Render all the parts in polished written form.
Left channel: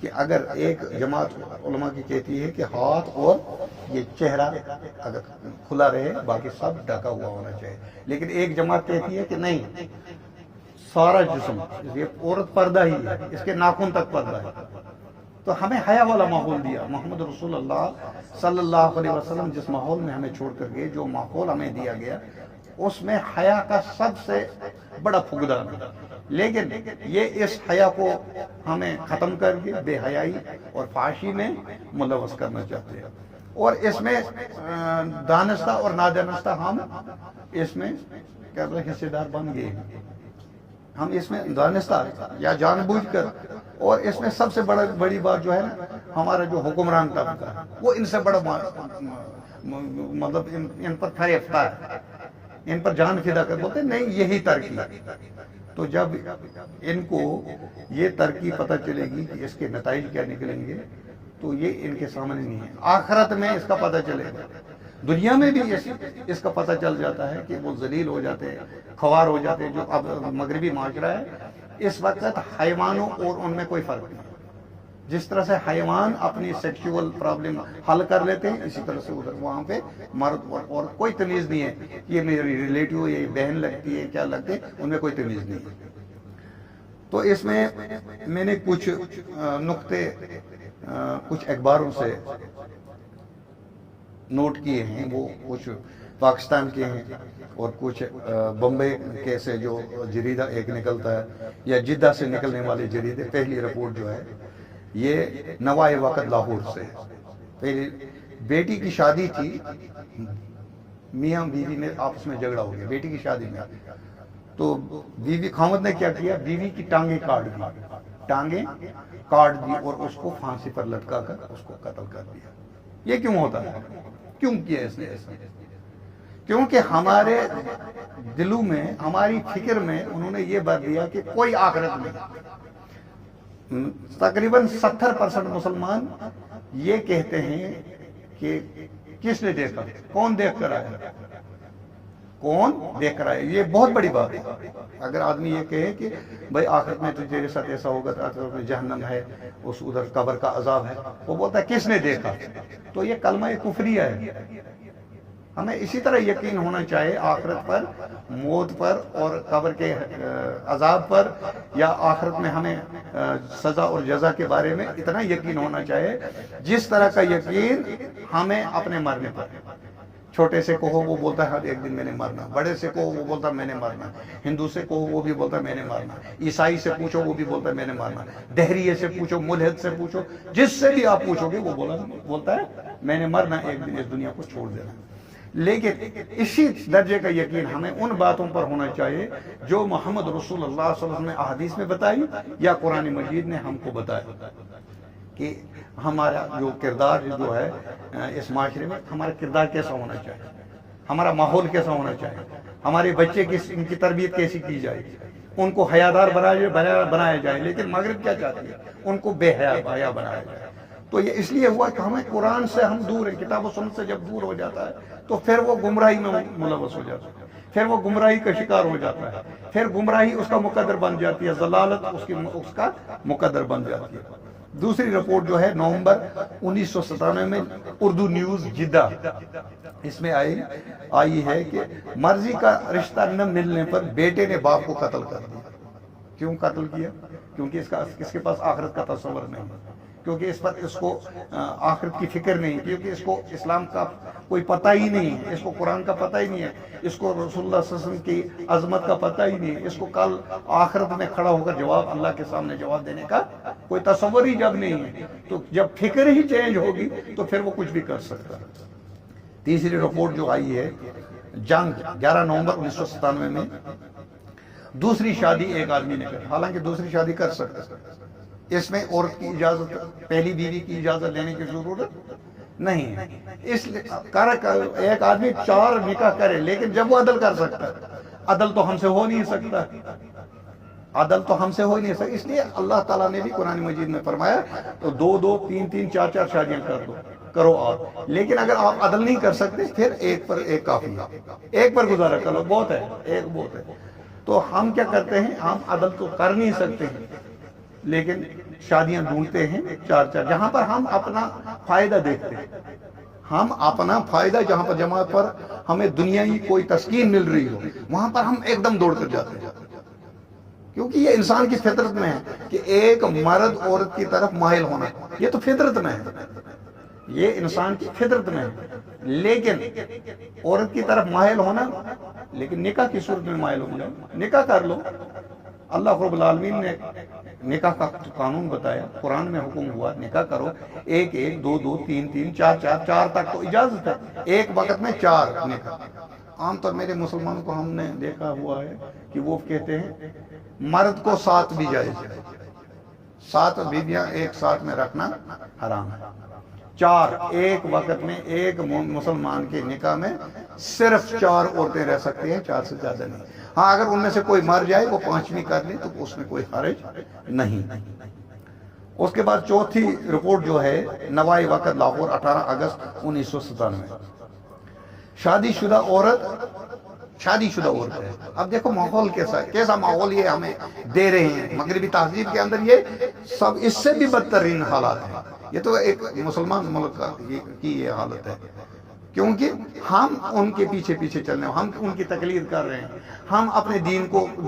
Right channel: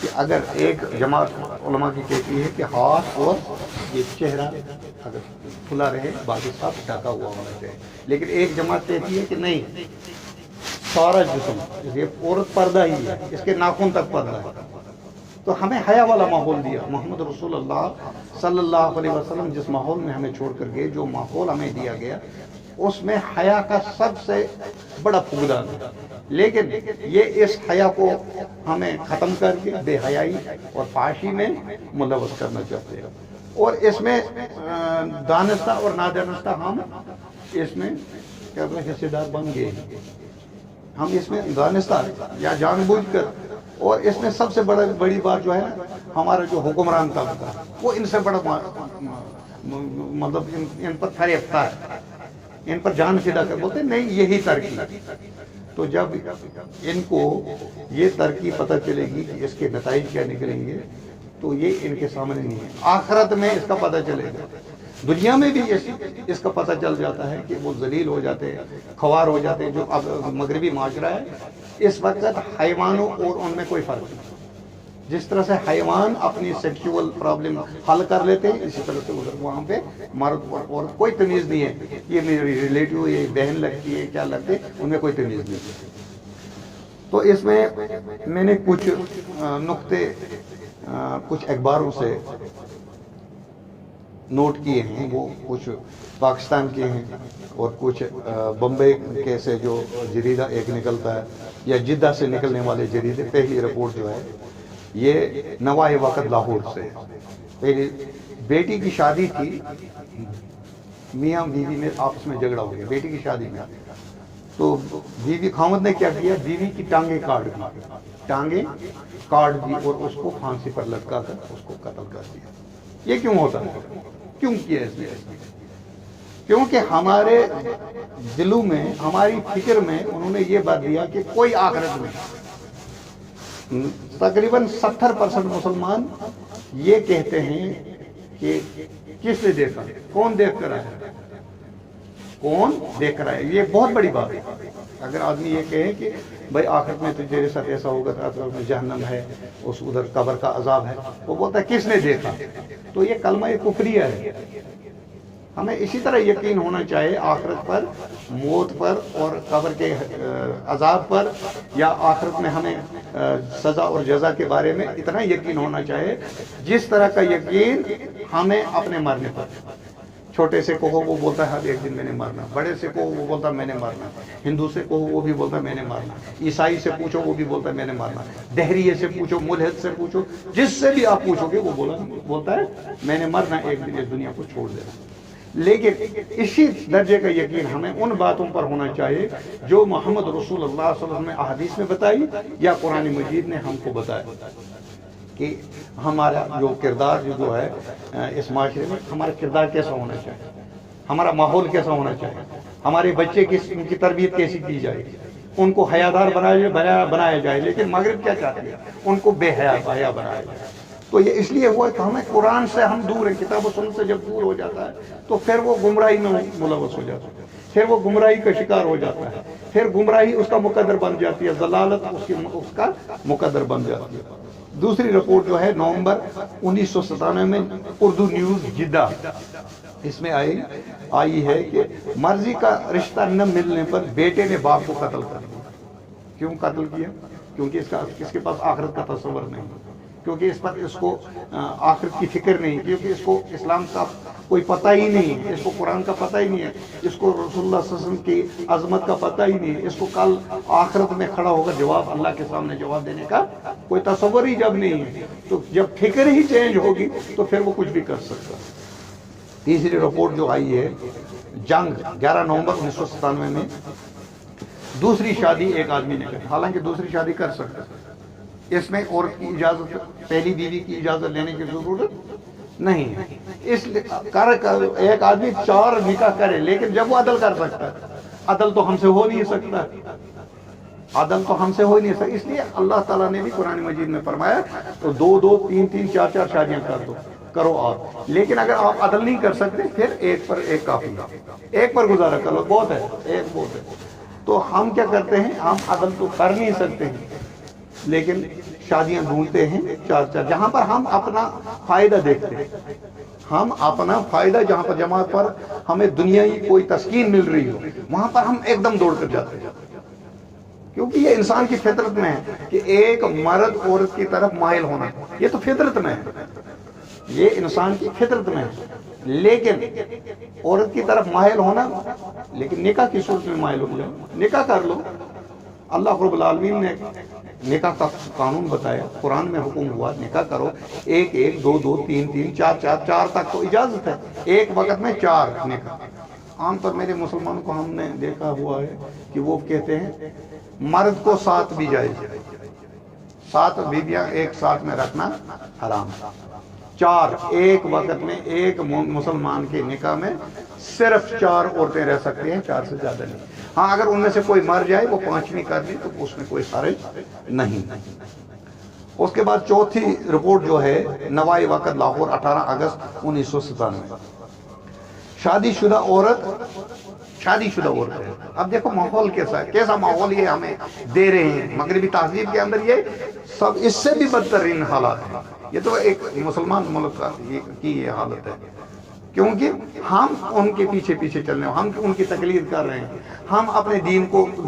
کہ اگر ایک جماعت علماء کی کہتی ہے کہ ہاتھ اور یہ چہرہ اگر کھلا رہے باقی سب ڈھکا ہوا ہونا چاہیے، لیکن ایک جماعت کہتی ہے کہ نہیں سارا جسم، یہ عورت پردہ ہی ہے، اس کے ناخن تک پردہ ہے۔ تو ہمیں حیا والا ماحول دیا محمد رسول اللہ صلی اللہ علیہ وسلم، جس ماحول میں ہمیں چھوڑ کر گئے، جو ماحول ہمیں دیا گیا اس میں حیا کا سب سے بڑا فقدان ہے۔ لیکن یہ اس حیا کو ہمیں ختم کر کے بے حیائی اور فحاشی میں ملوث کرنا چاہتے ہیں، اور اس میں دانستہ اور نادانستہ ہم اس میں حصے دار بن گئے ہیں۔ ہم اس میں دانستہ یا جان بوجھ کر، اور اس میں سب سے بڑی بات جو ہے ہمارا جو حکمران طبقہ ہے وہ ان سے بڑا مطلب ان پر فریفتہ ہے، ان پر جان فدا کر بولتے ہیں نہیں یہی ترقی۔ تو جب ان کو یہ ترقی پتہ چلے گی کہ اس کے نتائج کیا نکلیں گے تو یہ ان کے سامنے نہیں ہے، آخرت میں اس کا پتہ چلے گا۔ دنیا میں بھی اس کا پتہ چل جاتا ہے کہ وہ ذلیل ہو جاتے ہیں، خوار ہو جاتے ہیں۔ جو اب مغربی معاشرہ ہے اس وقت حیوانوں اور ان میں کوئی فرق نہیں، جس طرح سے حیوان اپنی سیکشول پرابلم حل کر لیتے ہیں اسی طرح سے ادھر وہاں پہ مرد اور کوئی تمیز نہیں ہے، یہ میری ریلیٹیو یہ بہن لگتی ہے کیا لگتے ان میں کوئی تمیز نہیں ہے۔ تو اس میں میں نے کچھ نقطے کچھ اخباروں سے نوٹ کیے ہیں، وہ کچھ پاکستان کے ہیں اور کچھ بمبئی کے سے جو جریدہ ایک نکلتا ہے یا جدہ سے نکلنے والے جریدے۔ پہلی رپورٹ جو ہے یہ نوائے وقت لاہور سے، پہلی بیٹی کی شادی تھی، میاں بیوی میں آپس میں جھگڑا ہو گیا بیٹی کی شادی میں، تو بیوی خاوند نے کیا کیا، بیوی کی ٹانگیں کاٹ دی اور اس کو پھانسی پر لٹکا کر اس کو قتل کر دیا۔ یہ کیوں ہوتا ہے؟ کیوں کیا اس نے؟ کیونکہ ہمارے دلوں میں ہماری فکر میں انہوں نے یہ بات دیا کہ کوئی آخرت نہیں۔ تقریباً 70% مسلمان یہ کہتے ہیں کہ کس نے دیکھا، کون دیکھ کر آیا، کون دیکھ کر آیا۔ یہ بہت بڑی بات ہے۔ اگر آدمی یہ کہے کہ بھائی آخرت میں تجھے ساتھ ایسا ہوگا، آخرت میں جہنم ہے، اس ادھر قبر کا عذاب ہے، وہ بولتا ہے کس نے دیکھا، تو یہ کلمہ کفریہ ہے۔ ہمیں اسی طرح یقین ہونا چاہیے آخرت پر، موت پر اور قبر کے عذاب پر، یا آخرت میں ہمیں سزا اور جزا کے بارے میں اتنا یقین ہونا چاہیے جس طرح کا یقین ہمیں اپنے مرنے پر۔ چھوٹے سے کہو وہ بولتا ہے ایک دن میں نے مرنا، بڑے سے کہو وہ بولتا ہے میں نے مرنا، ہندو سے کہو وہ بھی بولتا ہے میں نے مرنا، عیسائی سے پوچھو وہ بھی بولتا ہے میں نے مرنا، دہریے سے پوچھو، ملحد سے پوچھو، جس سے بھی آپ پوچھو گے وہ بولتا ہے میں نے مرنا، ایک دن اس دنیا کو چھوڑ دینا۔ لیکن اسی درجے کا یقین ہمیں ان باتوں پر ہونا چاہیے جو محمد رسول اللہ صلی اللہ علیہ وسلم نے احادیث میں بتائی یا قرآن مجید نے ہم کو بتایا، کہ ہمارا جو کردار جو ہے اس معاشرے میں، ہمارا کردار کیسا ہونا چاہیے، ہمارا ماحول کیسا ہونا چاہیے، ہمارے بچے ان کی تربیت کیسی کی جائے، ان کو حیادار بنایا جائے۔ لیکن مغرب کیا چاہتی ہے، ان کو بے حیا بنایا جائے۔ تو یہ اس لیے ہوا کہ ہمیں قرآن سے ہم دور ہیں، کتاب و سنت سے جب دور ہو جاتا ہے تو پھر وہ گمراہی میں ملوث ہو جاتا ہے، پھر وہ گمراہی کا شکار ہو جاتا ہے، پھر گمراہی اس کا مقدر بن جاتی ہے، ضلالت اس کا مقدر بن جاتی ہے۔ دوسری رپورٹ جو ہے نومبر 1997 میں اردو نیوز جدہ، اس میں آئی ہے کہ مرضی کا رشتہ نہ ملنے پر بیٹے نے باپ کو قتل کر دیا۔ کیوں قتل کیا؟ کیونکہ اس کے پاس آخرت کا تصور نہیں، کیونکہ اس کو آخرت کی فکر نہیں، کیونکہ اس کو اسلام کا کوئی پتہ ہی نہیں، اس کو قرآن کا پتہ ہی نہیں ہے، اس کو رسول اللہ صلی اللہ علیہ وسلم کی عظمت کا پتہ ہی نہیں، اس کو کل آخرت میں کھڑا ہو کر جواب اللہ کے سامنے جواب دینے کا کوئی تصور ہی جب نہیں ہے، تو جب فکر ہی چینج ہوگی تو پھر وہ کچھ بھی کر سکتا ہے۔ تیسری رپورٹ جو آئی ہے جنگ 11 نومبر 1997 میں، دوسری شادی ایک آدمی نے کی، حالانکہ دوسری شادی کر سکتا ہے، اس میں عورت کی اجازت، پہلی بیوی کی اجازت لینے کی ضرورت نہیں ہے۔ اس ایک آدمی 4 نکاح کرے، لیکن جب وہ عدل کر سکتا ہے، عدل تو ہم سے ہو نہیں سکتا، عدل تو ہم سے ہو ہی نہیں سکتا۔ اس لیے اللہ تعالیٰ نے بھی قرآن مجید میں فرمایا تو 2 3 4 شادیاں کرو آپ، لیکن اگر آپ عدل نہیں کر سکتے پھر ایک پر ایک کافی ہے، ایک پر گزارا کرو، بہت ہے، ایک بہت ہے۔ تو ہم کیا کرتے ہیں، ہم عدل تو کر نہیں سکتے ہیں، لیکن شادیاں ڈھونڈتے ہیں چار چار، جہاں پر ہم اپنا فائدہ دیکھتے ہیں، ہم اپنا فائدہ جہاں پر جماعت پر ہمیں دنیائی کوئی تسکین مل رہی ہو، وہاں پر ہم ایک دم دوڑ کر جاتے ہیں، کیونکہ یہ انسان کی فطرت میں ہے کہ ایک مرد عورت کی طرف مائل ہونا، یہ تو فطرت میں ہے، یہ انسان کی فطرت میں ہے، لیکن عورت کی طرف مائل ہونا، لیکن نکاح کی صورت میں مائل ہو جائے، نکاح کر لو۔ اللہ رب العالمین نے نکاح کا قانون بتایا، قرآن میں حکم ہوا نکاح کرو، ایک ایک، دو دو، تین تین، چار چار، چار تک تو اجازت ہے، ایک وقت میں چار نکاح۔ عام طور میرے مسلمانوں کو ہم نے دیکھا ہوا ہے کہ وہ کہتے ہیں مرد کو 7 بھی جائز ہے، 7 بیویاں ایک ساتھ میں رکھنا حرام، 4 ایک وقت میں ایک مسلمان کے نکاح میں صرف 4 عورتیں رہ سکتی ہیں، 4 سے زیادہ نہیں۔ ہاں اگر ان میں سے کوئی مر جائے، وہ 5ویں کر لی تو اس میں کوئی حرج نہیں۔ اس کے بعد چوتھی رپورٹ جو ہے نوائی وقت لاہور 18 اگست 1997، شادی شدہ عورت ہے۔ اب دیکھو ماحول کیسا ماحول یہ ہمیں دے رہے ہیں، مغربی تہذیب کے اندر یہ سب اس سے بھی بدترین حالات ہیں۔ یہ تو ایک مسلمان ملک کی یہ حالت ہے، کیونکہ ہم ان کے پیچھے چل رہے ہیں، ہم ان کی تقلید کر رہے ہیں، ہم اپنے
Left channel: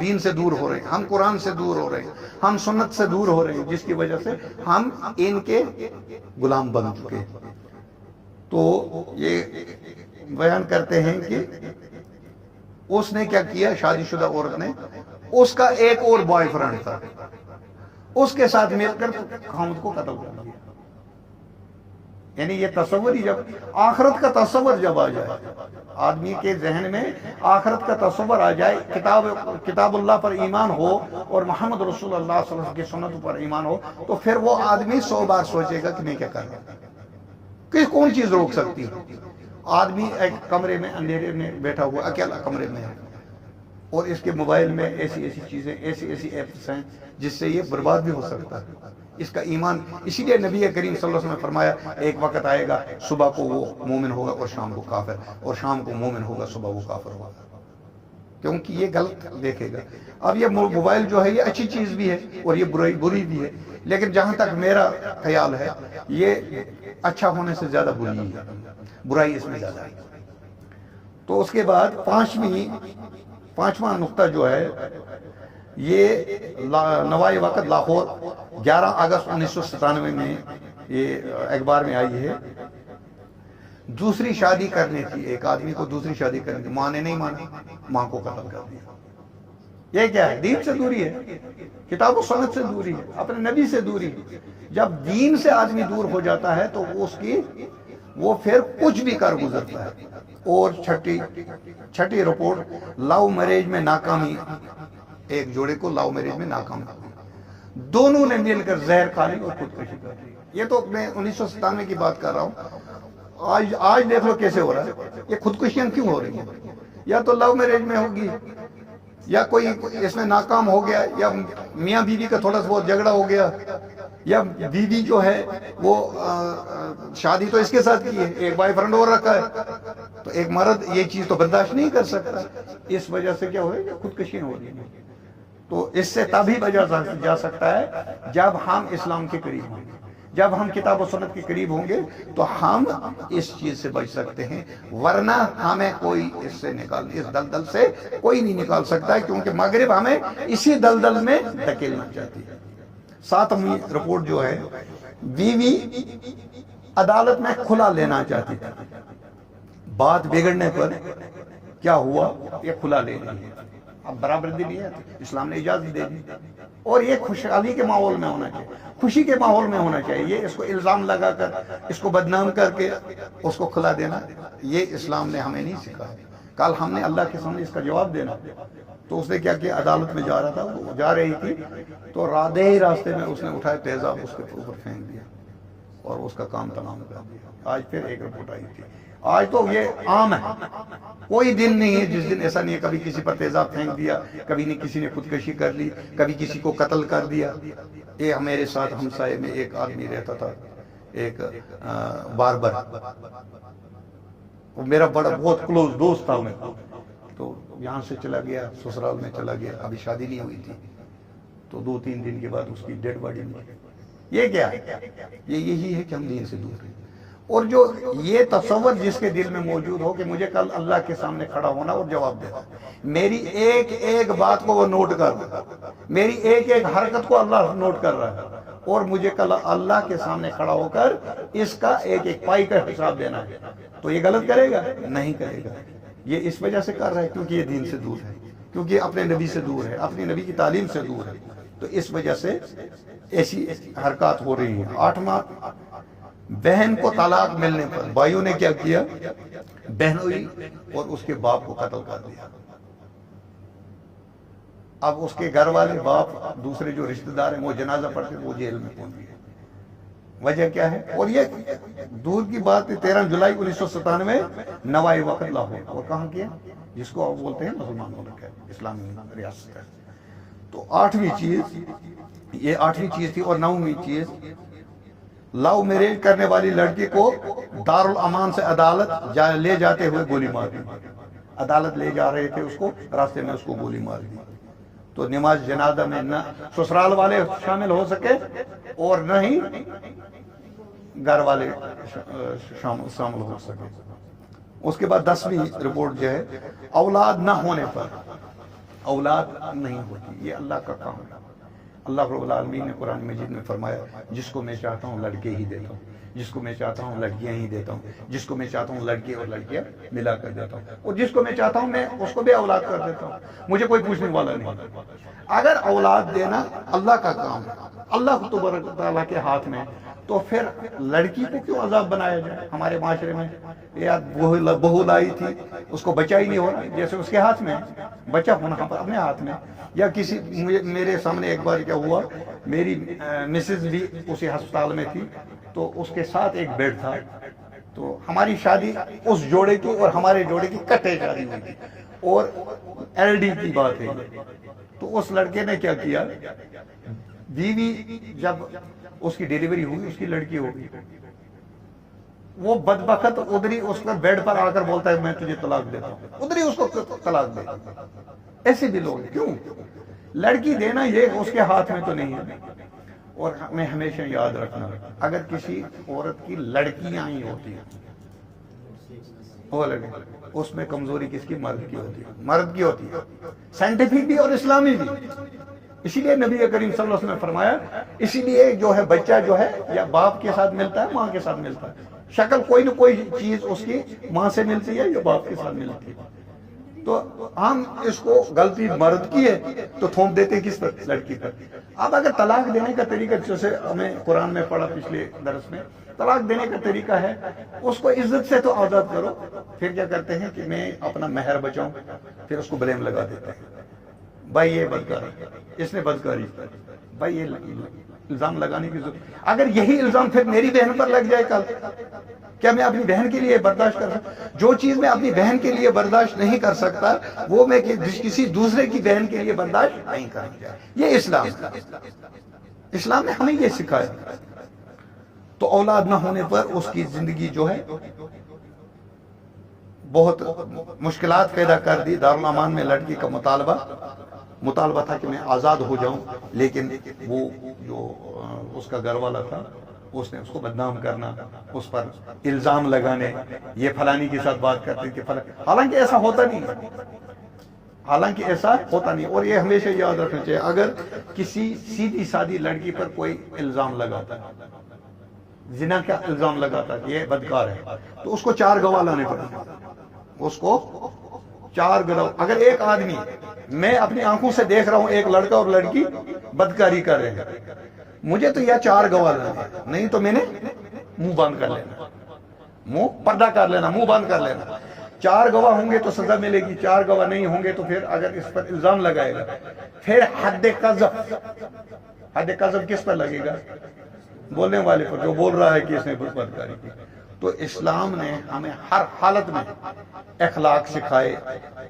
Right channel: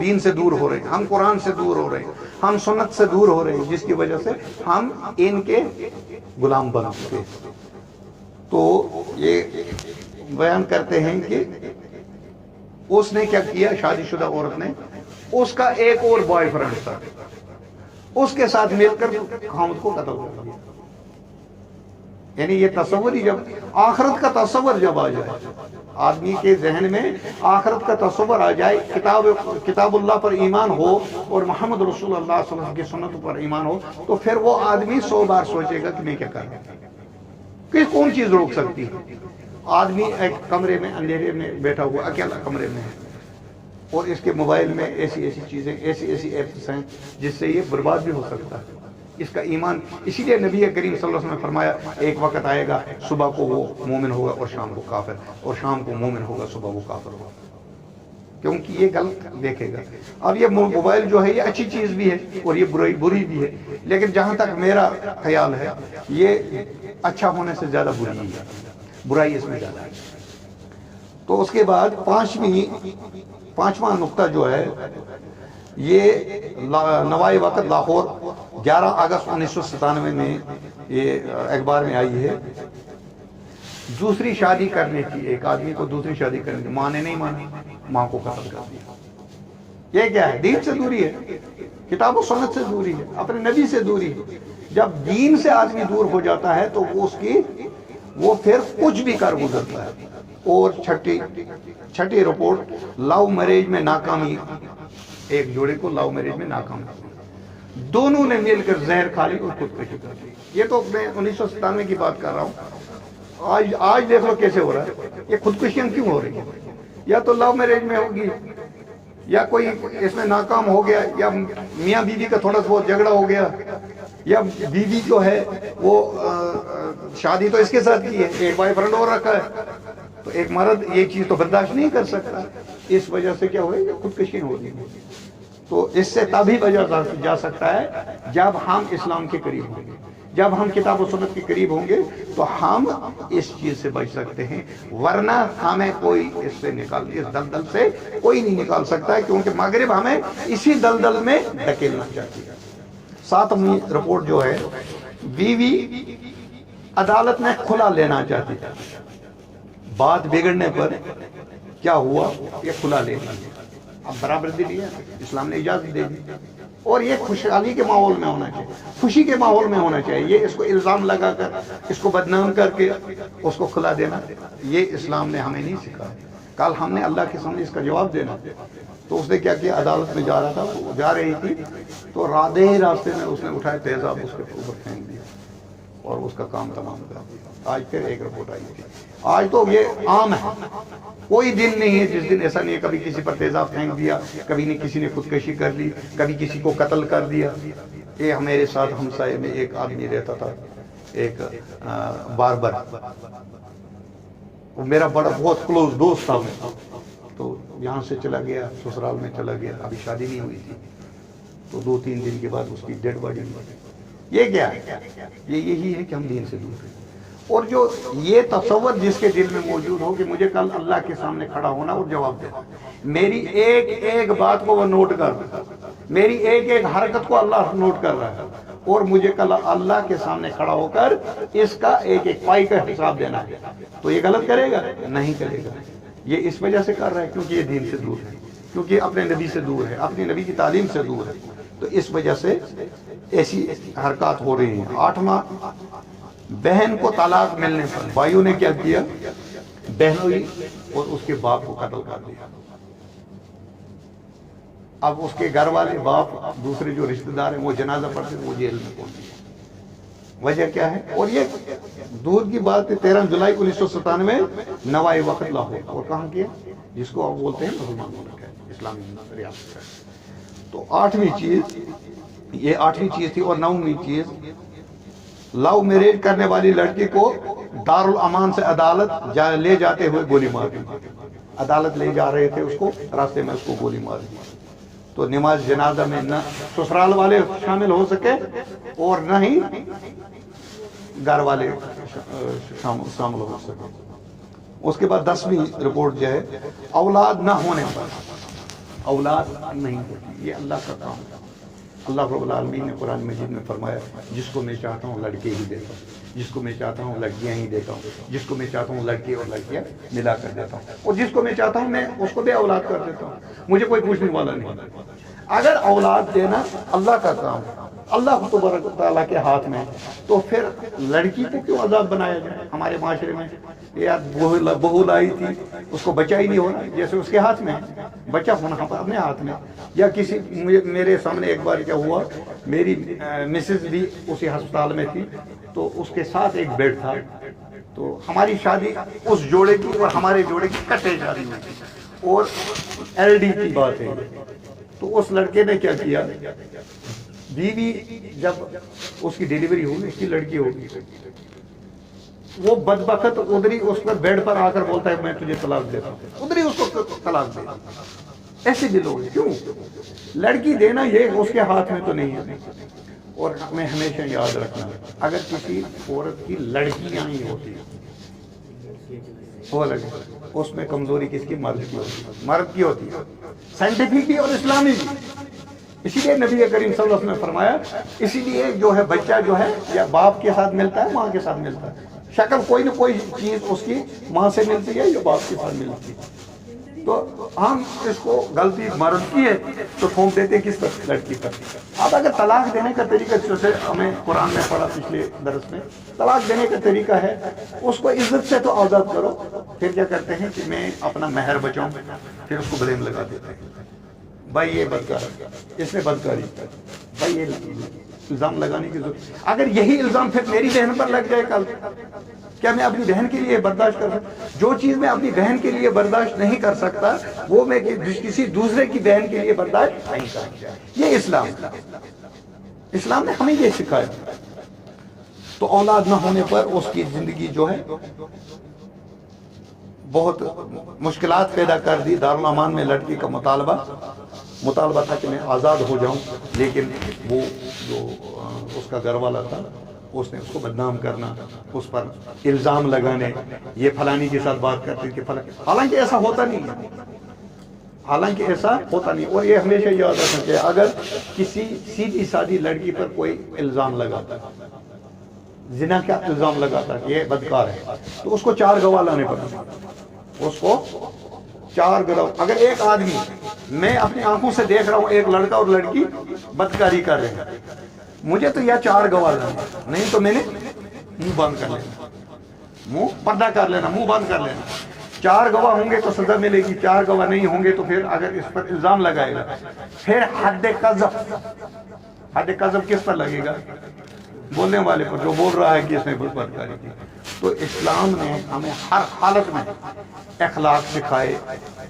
دین سے دور ہو رہے ہیں، ہم قرآن سے دور ہو رہے ہیں، ہم سنت سے دور ہو رہے ہیں، جس کی وجہ سے ہم ان کے غلام بن چکے۔ تو یہ بیان کرتے ہیں کہ اس نے کیا کیا، شادی شدہ عورت نے، اس کا ایک اور بوائے فرینڈ تھا، اس کے ساتھ مل کر خاوند کو قتل کر دیا۔ یعنی یہ تصور ہی جب آخرت کا تصور جب آ جائے آدمی کے ذہن میں، آخرت کا تصور آ جائے، کتاب اللہ پر ایمان ہو اور محمد رسول اللہ صلی اللہ علیہ وسلم کی سنت پر ایمان ہو، تو پھر وہ آدمی 100 بار سوچے گا کہ میں کیا کر رہا ہوں، کہ کون چیز روک سکتی ہے۔ آدمی ایک کمرے میں اندھیرے میں بیٹھا ہوا، اکیلا کمرے میں ہے، اور اس کے موبائل میں ایسی چیزیں، ایسی ایپس ہیں جس سے یہ برباد بھی ہو سکتا ہے اس کا ایمان۔ اسی لیے نبی کریم صلی اللہ علیہ وسلم نے فرمایا ایک وقت آئے گا صبح کو وہ مومن ہوگا اور شام کو کافر، اور شام کو مومن ہوگا صبح وہ کافر ہوگا، کیونکہ یہ غلط دیکھے گا۔ اب یہ موبائل جو ہے یہ اچھی چیز بھی ہے اور یہ بری بھی ہے، لیکن جہاں تک میرا خیال ہے یہ اچھا ہونے سے زیادہ بری ہے، برائی اس میں زیادہ ہے۔ تو اس کے بعد پانچواں نقطہ جو ہے یہ نوائی وقت لاہور 11 اگست 1997 میں یہ اخبار میں آئی ہے۔ دوسری شادی کرنے کی، ایک آدمی کو دوسری شادی کرنے کی، ماں نے نہیں مانا، ماں کو قتل کر دیا۔ یہ کیا ہے؟ دین سے دوری ہے، کتاب و سنت سے دوری ہے، اپنے نبی سے دوری ہے۔ جب دین سے آدمی دور ہو جاتا ہے تو وہ پھر کچھ بھی کر گزرتا ہے۔ اور چھٹی رپورٹ لو میرج میں ناکامی، ایک جوڑے کو لو میرج میں ناکام، دونوں نے مل کر زہر کھا لی اور خودکشی کر لی۔ یہ تو میں 1997 کی بات کر رہا ہوں، آج دیکھ لو کیسے ہو رہا ہے۔ یہ خودکشیاں کیوں ہو رہی ہیں؟ یا تو لو میرج میں ہوگی، یا کوئی اس میں ناکام ہو گیا، یا میاں بیوی کا تھوڑا سا بہت جھگڑا ہو گیا، یا بیوی جو ہے وہ شادی تو اس کے ساتھ کی ہے، ایک بوائے فرینڈ اور رکھا ہے، تو ایک مرد یہ چیز تو برداشت نہیں کر سکتا، اس وجہ سے کیا ہوئے، خودکشی ہوگی۔ تو اس سے تبھی بچا جا سکتا ہے جب ہم اسلام کے قریب ہوں گے، جب ہم کتاب و سنت کے قریب ہوں گے تو ہم اس چیز سے بچ سکتے ہیں، ورنہ ہمیں کوئی اس دلدل سے کوئی نہیں نکال سکتا ہے، کیونکہ مغرب ہمیں اسی دلدل میں دھکیلنا چاہتی ہے۔ 7ویں رپورٹ جو ہے، بیوی عدالت میں کھلا لینا چاہتی ہے، بات بگڑنے پر کیا ہوا، یہ کھلا لے لی، اب برابر دلی ہے، اسلام نے اجازت دے دی، اور یہ خوشحالی کے ماحول میں ہونا چاہیے، خوشی کے ماحول میں ہونا چاہیے۔ یہ اس کو الزام لگا کر، اس کو بدنام کر کے اس کو کھلا دینا، یہ اسلام نے ہمیں نہیں سکھایا۔ کل ہم نے اللہ کے سامنے اس کا جواب دینا۔ تو اس نے کیا کیا، عدالت میں جا رہا تھا، جا رہی تھی، تو راستے میں اس نے اٹھایا تیزاب، اس کے اوپر پھینک دیا اور اس کا کام تمام کر دیا۔ آج پھر ایک رپورٹ آئی تھی۔ آج تو یہ عام ہے، کوئی دن نہیں ہے جس دن ایسا نہیں ہے، کبھی کسی پر تیزاب پھینک دیا، کبھی نہیں کسی نے خودکشی کر لی، کبھی کسی کو قتل کر دیا۔ یہ میرے ساتھ ہمسائے میں ایک آدمی رہتا تھا، ایک باربر، وہ میرا بہت کلوز دوست تھا، میں تو یہاں سے چلا گیا، سسرال میں چلا گیا، ابھی شادی نہیں ہوئی تھی، تو 2-3 دن کے بعد اس کی ڈیڈ باڈی ملی۔ یہ کیا ہے؟ یہ یہی ہے کہ ہم دین سے دور ہیں. اور جو یہ تصور جس کے دل میں موجود ہو کہ مجھے کل اللہ کے سامنے کھڑا ہونا اور جواب دینا، میری ایک ایک بات کو وہ نوٹ کر رہا ہے، میری ایک ایک حرکت کو اللہ نوٹ کر رہا ہے، اور مجھے کل اللہ کے سامنے کھڑا ہو کر اس کا ایک ایک پائی کا حساب دینا ہے، تو یہ غلط کرے گا؟ نہیں کرے گا. یہ اس وجہ سے کر رہا ہے کیونکہ یہ دین سے دور ہے، کیونکہ اپنے نبی سے دور ہے، اپنی نبی کی تعلیم سے دور ہے. تو اس وجہ سے ایسی حرکات ہو رہی ہیں. 8واں، بہن کو طلاق ملنے پر بھائیوں نے کیا کیا؟ بہنوئی اور اس کے باپ کو قتل کر دیا. اب اس کے گھر والے، باپ، دوسرے جو رشتہ دار ہیں وہ جنازہ پڑھتے وہ جیل میں پہنچ گئے. وجہ کیا ہے؟ اور یہ دور کی بات ہے، 13 جولائی 1997 نوائے وقت لاہور، اور کہاں کیا؟ جس کو آپ بولتے ہیں مسلمان اسلامی ریاست. تو 8ویں چیز، یہ 8ویں چیز تھی. اور 9ویں چیز، لو میریج کرنے والی لڑکی کو دارالامان سے عدالت لے جاتے ہوئے گولی مار دی. عدالت لے جا رہے تھے اس کو، راستے میں اس کو گولی مار دی. تو نماز جنازہ میں نہ سسرال والے شامل ہو سکے اور نہ ہی گھر والے شامل ہو سکے. اس کے بعد 10ویں رپورٹ جو ہے، اولاد نہ ہونے پر، اولاد نہیں ہوتی، یہ اللہ کا کام ہے. اللہ رب العالمین نے قرآن مجید میں فرمایا، جس کو میں چاہتا ہوں لڑکے ہی دیتا ہوں، جس کو میں چاہتا ہوں لڑکیاں ہی دیتا ہوں، جس کو میں چاہتا ہوں لڑکے اور لڑکیاں ملا کر دیتا ہوں، اور جس کو میں چاہتا ہوں میں اس کو بھی اولاد کر دیتا ہوں. مجھے کوئی پوچھنے والا نہیں. اگر اولاد دینا اللہ کا کام ہے، اللہ تبارک و تعالیٰ کے ہاتھ میں، تو پھر لڑکی کو کیوں عذاب بنایا جائے؟ ہمارے معاشرے میں یا بہو لائی تھی، اس کو بچہ ہی نہیں ہونا، جیسے اس کے ہاتھ میں بچہ ہونا اپنے ہاتھ میں. یا کسی، میرے سامنے ایک بار کیا ہوا، میری مسز بھی اسی ہسپتال میں تھی، تو اس کے ساتھ ایک بیڈ تھا. تو ہماری شادی اس جوڑے کی اور ہمارے جوڑے کی کٹے شادی ہوئی تھی، اور LD کی بات ہے. تو اس لڑکے نے کیا کیا، بیوی جب اس کی ڈیلیوری ہوئی، اس کی لڑکی ہوگی، وہ بدبخت ادھری اس پر بیڈ پر آ کر بولتا ہے میں تجھے طلاق دیتا ہوں، ادھری اس کو طلاق دے. ایسے بھی لوگ کیوں؟ لڑکی دینا یہ اس کے ہاتھ میں تو نہیں ہے. اور ہمیں ہمیشہ یاد رکھنا، اگر کسی عورت کی لڑکیاں نہیں ہوتی، اس میں کمزوری کس کی؟ مرد کی ہوتی ہے، مرد کی ہوتی ہے، سائنٹیفک بھی اور اسلامی بھی. اسی لیے نبی کریم صلی اللہ علیہ وسلم نے فرمایا، اسی لیے جو ہے بچہ جو ہے یا باپ کے ساتھ ملتا ہے، ماں کے ساتھ ملتا ہے. شکل کوئی نہ کوئی چیز اس کی ماں سے ملتی ہے یا باپ کے ساتھ ملتی ہے. تو ہم اس کو غلطی مرد کی ہے تو تھوپ دیتے کس پر؟ لڑکی پر. اب اگر طلاق دینے کا طریقہ، جیسے ہمیں قرآن میں پڑھا پچھلے درس میں، طلاق دینے کا طریقہ ہے اس کو عزت سے تو آزاد کرو. پھر کیا کرتے ہیں کہ میں اپنا مہر بچاؤں، پھر اس کو بلیم لگا دیتے ہیں، بھائی یہ بدکاری، اس نے بدکاری، بھائی یہ الزام لگانے کی ضرورت. اگر یہی الزام پھر میری بہن پر لگ جائے کل، کیا میں اپنی بہن کے لیے برداشت کر سکتا؟ جو چیز میں اپنی بہن کے لیے برداشت نہیں کر سکتا، وہ میں کسی دوسرے کی بہن کے لیے برداشت نہیں کرتا. یہ اسلام نے ہمیں یہ سکھایا. تو اولاد نہ ہونے پر اس کی زندگی جو ہے بہت مشکلات پیدا کر دی. دارالامان میں لڑکی کا مطالبہ تھا کہ میں آزاد ہو جاؤں، لیکن وہ جو اس کا گھر والا تھا، اس نے اس کو بدنام کرنا، اس پر الزام لگانے، یہ فلانی کے ساتھ بات کرتے ہیں کہ حالانکہ ایسا ہوتا نہیں ہے، حالانکہ ایسا ہوتا نہیں. اور یہ ہمیشہ یاد رکھنا چاہیے، اگر کسی سیدھی سادی لڑکی پر کوئی الزام لگاتا ہے، زنا کا الزام لگاتا ہے، یہ بدکار ہے، تو اس کو 4 گواہ لانے پڑیں. اس کو 4 گواہ. اگر ایک آدمی، میں اپنی آنکھوں سے دیکھ رہا ہوں ایک لڑکا اور لڑکی بدکاری کر رہے ہیں، مجھے تو یا 4 گواہ لانے، نہیں تو میں نے منہ بند کر لینا، منہ پردہ کر لینا، منہ بند کر لینا. 4 گواہ ہوں گے تو سزا ملے گی، 4 گواہ نہیں ہوں گے تو پھر اگر اس پر الزام لگائے گا، پھر حد قذف کس پر لگے گا؟ بولنے والے پر، جو بول رہا ہے کہ اس نے کچھ بدکاری کی. تو اسلام نے ہمیں ہر حالت میں اخلاق سکھائے،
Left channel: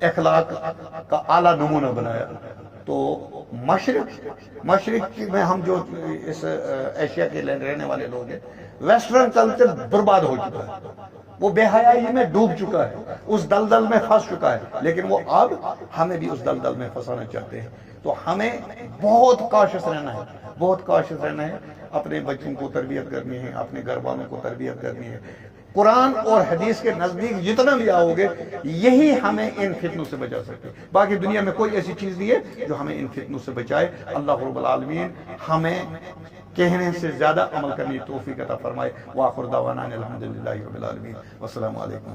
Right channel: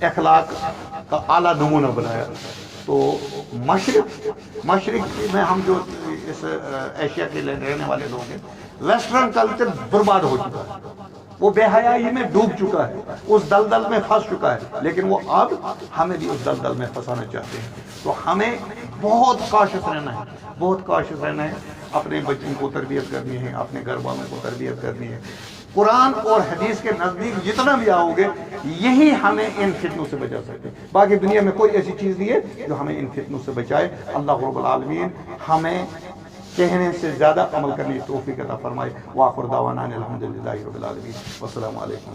اخلاق کا اعلیٰ نمونہ بنایا. تو مشرق میں ہم جو اس ایشیا کے رہنے والے لوگ ہیں، ویسٹرن کلچر برباد ہو چکا ہے، وہ بے حیائی میں ڈوب چکا ہے، اس دلدل میں پھنس چکا ہے، لیکن وہ اب ہمیں بھی اس دلدل میں پھنسانا چاہتے ہیں. تو ہمیں بہت کاشس رہنا ہے، بہت کاشس رہنا ہے. اپنے بچوں کو تربیت کرنی ہے، اپنے گھر والوں کو تربیت کرنی ہے، قرآن اور حدیث کے نزدیک جتنا بھی آؤ گے یہی ہمیں ان فتنوں سے بچا سکتے ہیں۔ باقی دنیا میں کوئی ایسی چیز نہیں ہے جو ہمیں ان فتنوں سے بچائے۔ اللہ رب العالمین ہمیں کہنے سے زیادہ عمل کرنے کی توفیق عطا فرمائے۔ وآخر دعوانا الحمدللہ رب العالمین، والسلام علیکم۔